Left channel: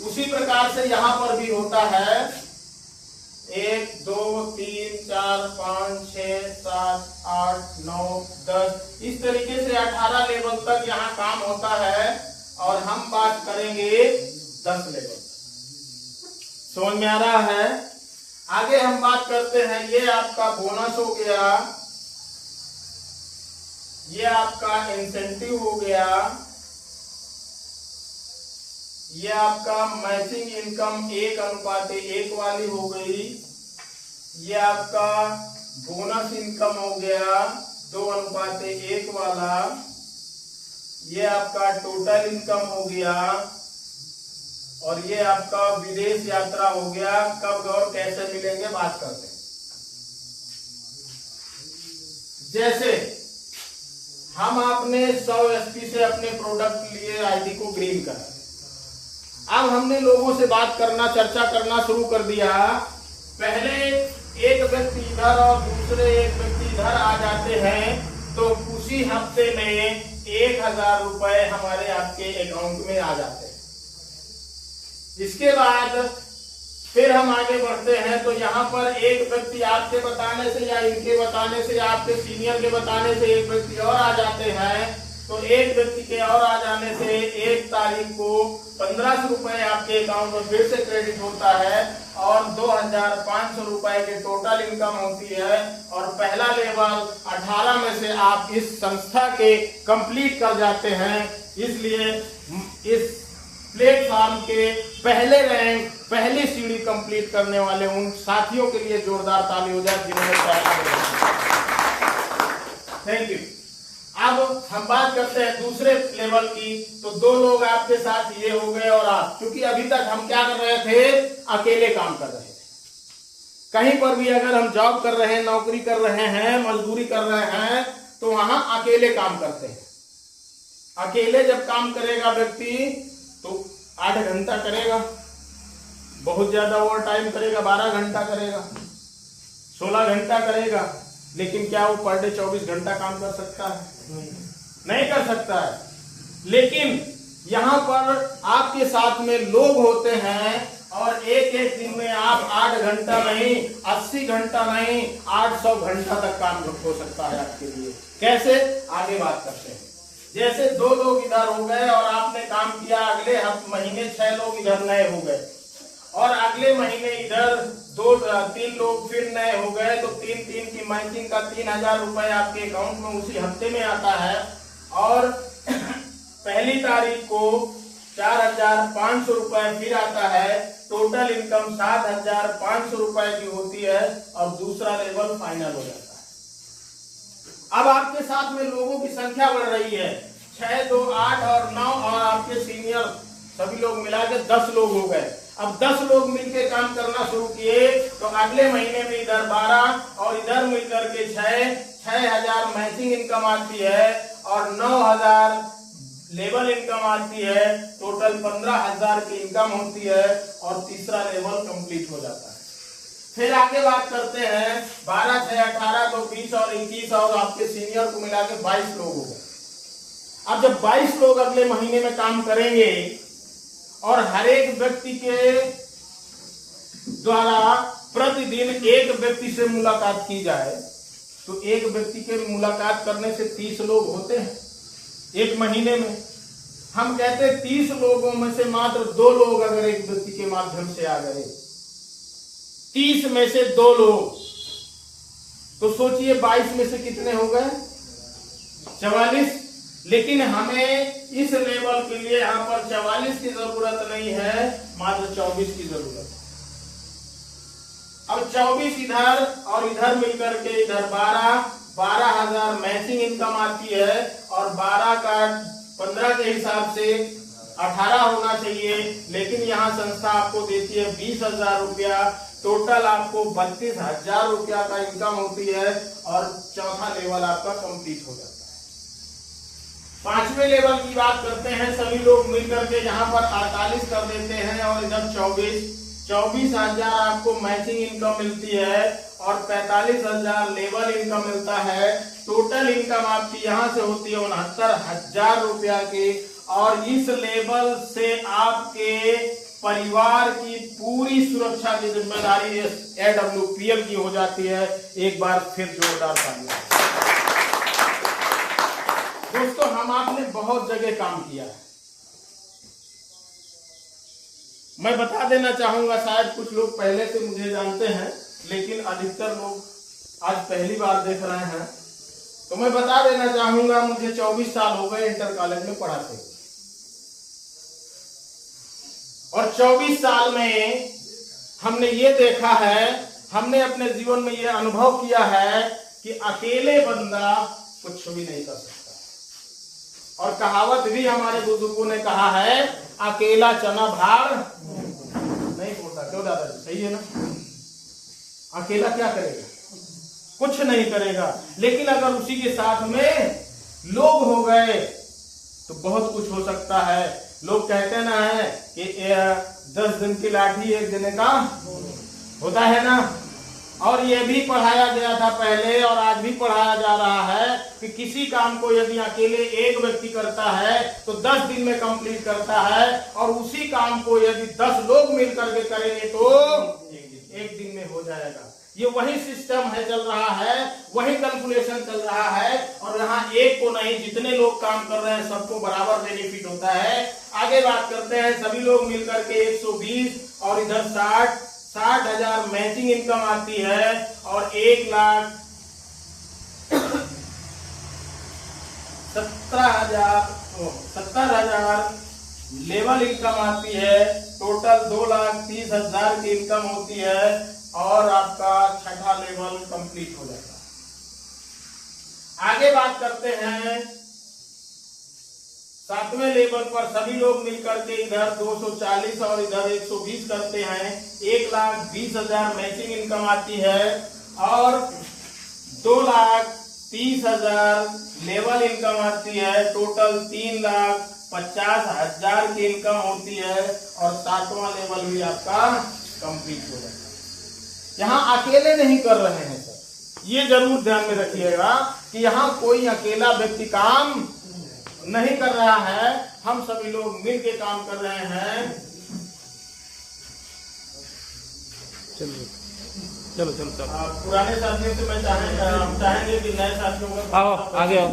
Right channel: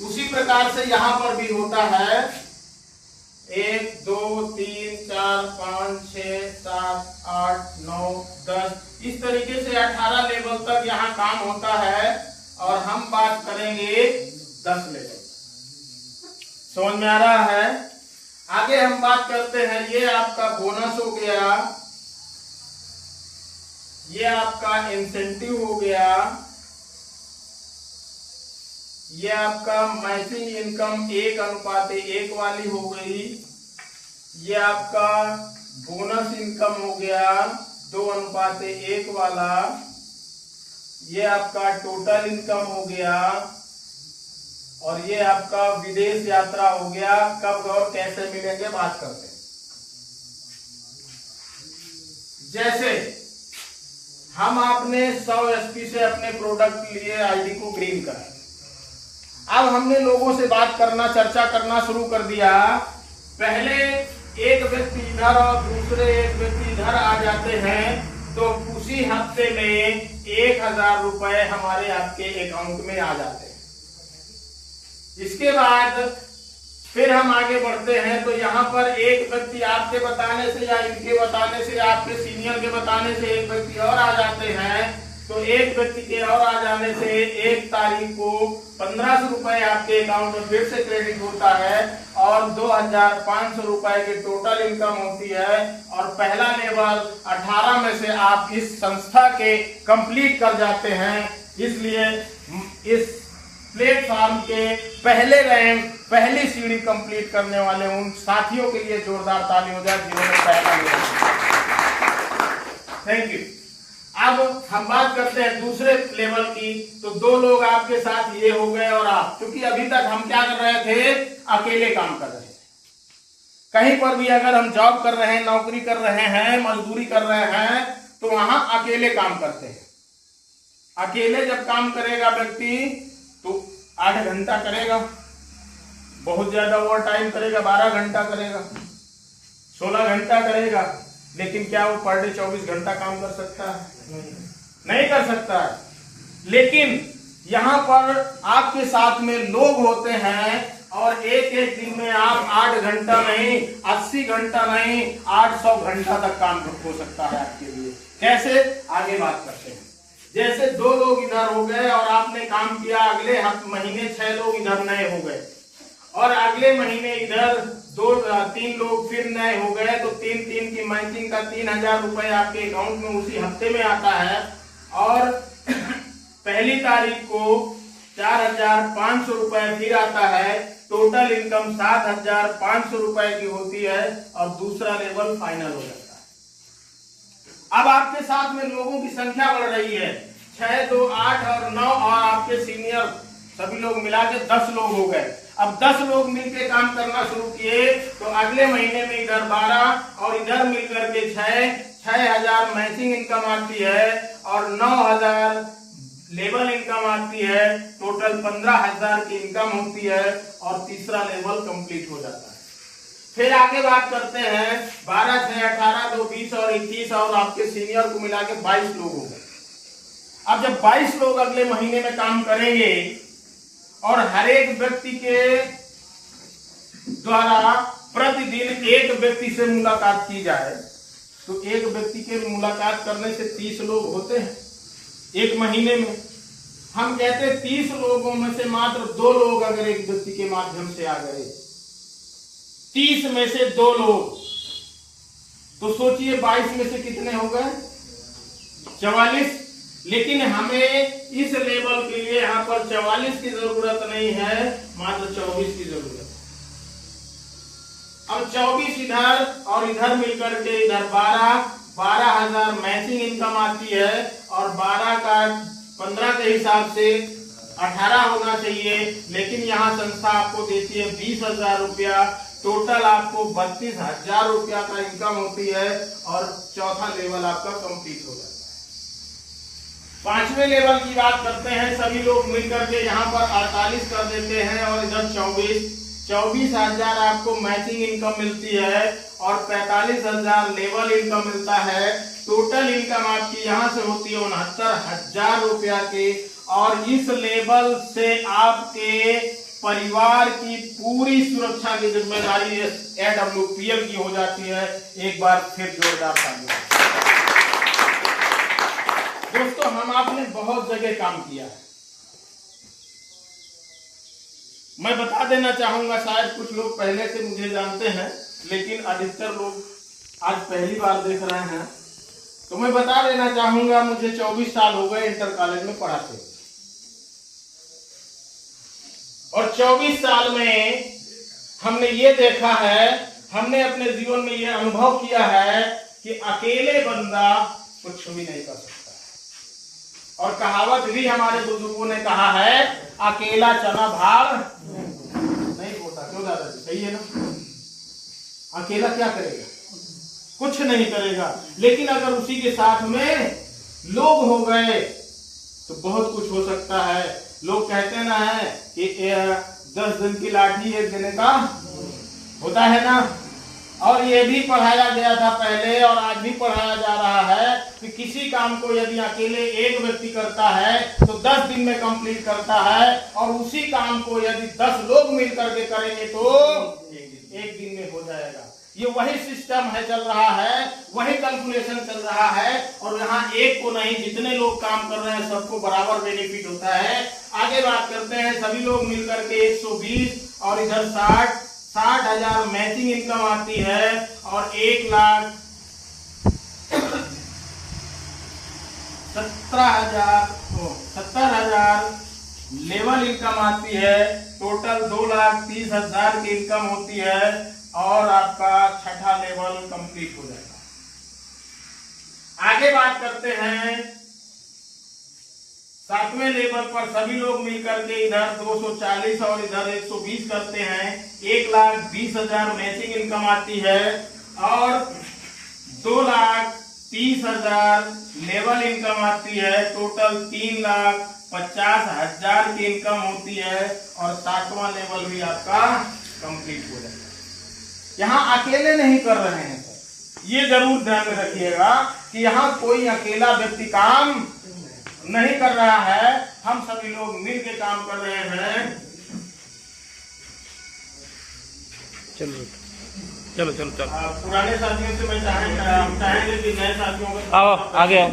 उसी प्रकार से यहाँ पर भी होता है 1 2 3 4 5 6 7 8 9 10 इस तरीके से 18 लेवल तक यहाँ काम होता है और हम बात करेंगे 10 लेवल। समझ में आ रहा है? आगे हम बात करते हैं, ये आपका बोनस हो गया, ये आपका इंसेंटिव हो गया, ये आपका मैचिंग इनकम 1:1 वाली हो गई, ये आपका बोनस इनकम हो गया 2:1 वाला, ये आपका टोटल इनकम हो गया और ये आपका विदेश यात्रा हो गया। कब और कैसे मिलेंगे बात करते हैं। जैसे हम आपने 100 SP से अपने प्रोडक्ट लिए, आईडी को ग्रीन करा, अब हमने लोगों से बात करना, चर्चा करना शुरू कर दिया। पहले एक व्यक्ति इधर और दूसरे एक व्यक्ति इधर आ जाते हैं तो उसी हफ्ते में 1000 रुपए हमारे आपके अकाउंट में आ जाते हैं। इसके बाद फिर हम आगे बढ़ते हैं तो यहाँ पर एक व्यक्ति आपके बताने से या इनके बताने से, आपके सीनियर के बताने से एक व्यक्ति और आ जाते हैं। तो एक व्यक्ति के और आ जाने से 1 तारीख को 1500 रुपए आपके अकाउंट में फिर से क्रेडिट होता है और 2500 रुपए की टोटल इनकम होती है। और पहला लेवल 18 में से आप इस संस्था के कंप्लीट कर जाते हैं। इसलिए इस प्लेटफॉर्म के पहले रैंक, पहली सीढ़ी कंप्लीट करने वाले उन साथियों के लिए जोरदार ताली हो जाए जिन्होंने पहला लेवल। Thank you. अब हम बात करते हैं दूसरे लेवल की। तो 2 लोग आपके साथ ये हो गए और आप, क्योंकि अभी तक हम क्या कर रहे थे, अकेले काम कर रहे थे। कहीं पर भी अगर हम जॉब कर रहे हैं, नौकरी कर रहे हैं, मजदूरी कर रहे हैं तो वहां अकेले काम करते हैं। अकेले जब काम करेगा व्यक्ति तो 8 घंटा करेगा, बहुत ज्यादा ओवर टाइम करेगा, 12 घंटा करेगा, 16 घंटा करेगा। लेकिन क्या वो पर डे 24 घंटा काम कर सकता है? नहीं कर सकता है। लेकिन यहाँ पर आपके साथ में लोग होते हैं और एक दिन में आप 8 घंटा नहीं, 80 घंटा नहीं, 800 घंटा तक काम हो सकता है आपके लिए। कैसे? आगे बात करते हैं। जैसे 2 लोग इधर हो गए और आपने काम किया, अगले महीने 6 लोग इधर नए हो गए और अगले महीने इधर 2-3 लोग फिर नए हो गए तो 3 की मैचिंग का 3000 रुपए आपके अकाउंट में उसी हफ्ते में आता है। और पहली तारीख को 4500 रुपए फिर आता है। टोटल इनकम 7500 रुपए की होती है और दूसरा लेवल फाइनल हो जाता है। अब आपके साथ में लोगों की संख्या बढ़ रही है, 6, 2, 8 और 9 और आपके सीनियर सभी लोग मिला के 10 लोग हो गए। अब 10 लोग मिलकर काम करना शुरू किए तो अगले महीने में इधर 12 और इधर मिलकर के 6000 मैचिंग इनकम आती है और 9000 लेवल इनकम आती है। टोटल 15000 की इनकम होती है और तीसरा लेवल कंप्लीट हो जाता है। फिर आगे बात करते हैं 12, 6, 18, 2, 20 और 21 और आपके सीनियर को मिला के 22 लोग हो गए। अब जब 22 लोग अगले महीने में काम करेंगे और हर एक व्यक्ति के द्वारा प्रतिदिन एक व्यक्ति से मुलाकात की जाए तो एक व्यक्ति के मुलाकात करने से 30 लोग होते हैं एक महीने में। हम कहते हैं 30 लोगों में से मात्र 2 लोग अगर एक व्यक्ति के माध्यम से आ गए, 30 में से 2 लोग, तो सोचिए 22 में से कितने हो गए? 44। लेकिन हमें इस लेवल के लिए यहाँ पर 44 की जरूरत नहीं है, मात्र 24 की जरूरत है। अब 24 इधर और इधर मिलकर के इधर 12,000 मैचिंग इनकम आती है और 12 का 15 के हिसाब से 18 होना चाहिए। लेकिन यहाँ संस्था आपको देती है 20,000 रुपया। टोटल आपको 32,000 रुपया का इनकम होती है और चौथा लेवल आपका कंप्लीट हो जाता है। 5वें लेवल की बात करते हैं। सभी लोग मिलकर के यहाँ पर 48 कर देते हैं और इधर 24,000 आपको मैचिंग इनकम मिलती है और 45,000 लेवल इनकम मिलता है। टोटल इनकम आपकी यहाँ से होती है 69,000 रुपया की और इस लेवल से आपके परिवार की पूरी सुरक्षा की जिम्मेदारी AWPL की हो जाती है। एक बार फिर जोरदार तालियां। दोस्तों, हम आपने बहुत जगह काम किया है। मैं बता देना चाहूंगा, शायद कुछ लोग पहले से मुझे जानते हैं, लेकिन अधिकतर लोग आज पहली बार देख रहे हैं। तो मैं बता देना चाहूंगा, मुझे 24 साल हो गए इंटर कॉलेज में पढ़ाते, और 24 साल में हमने ये देखा है, हमने अपने जीवन में ये अनुभव किया है कि अकेले बंदा कुछ भी नहीं कर सकता। और कहावत भी हमारे बुजुर्गों ने कहा है, अकेला चना भार नहीं होता। क्यों दादाजी, सही है ना? अकेला क्या करेगा? कुछ नहीं करेगा। लेकिन अगर उसी के साथ में लोग हो गए तो बहुत कुछ हो सकता है। लोग कहते ना है कि 10 दिन की लाठी 1 दिन का होता है ना। और ये भी पढ़ाया गया था पहले, और आज भी पढ़ाया जा रहा है कि किसी काम को यदि अकेले एक व्यक्ति करता है तो 10 दिन में कंप्लीट करता है, और उसी काम को यदि 10 लोग मिल करके करेंगे तो 1 दिन में हो जाएगा। ये वही सिस्टम है, चल रहा है, वही कैलकुलेशन चल रहा है। और यहाँ एक को नहीं, जितने लोग काम कर रहे हैं सबको बराबर बेनिफिट होता है। आगे बात करते हैं, सभी लोग मिलकर के 120 और इधर 60,000 मैचिंग इनकम आती है, और 1,70,000 लेवल इनकम आती है। टोटल 2,30,000 की इनकम होती है, और आपका 6ठा लेवल कंप्लीट हो जाता है। आगे बात करते हैं, 7वें लेवल पर सभी लोग मिलकर के इधर 240 और इधर 120 करते हैं। 1,20,000 मैचिंग इनकम आती है, और 2,30,000 लेवल इनकम आती है। टोटल 3,50,000 की इनकम होती है, और 7वां लेवल भी आपका कंप्लीट हो जाता है। यहाँ अकेले नहीं कर रहे हैं सर, ये जरूर ध्यान में रखिएगा कि यहाँ कोई अकेला व्यक्ति काम नहीं कर रहा है, हम सभी लोग मिल के काम कर रहे हैं। चलो पुराने साथियों से मैं चाहेंगे कि नए साथियों को आओ आगे आओ।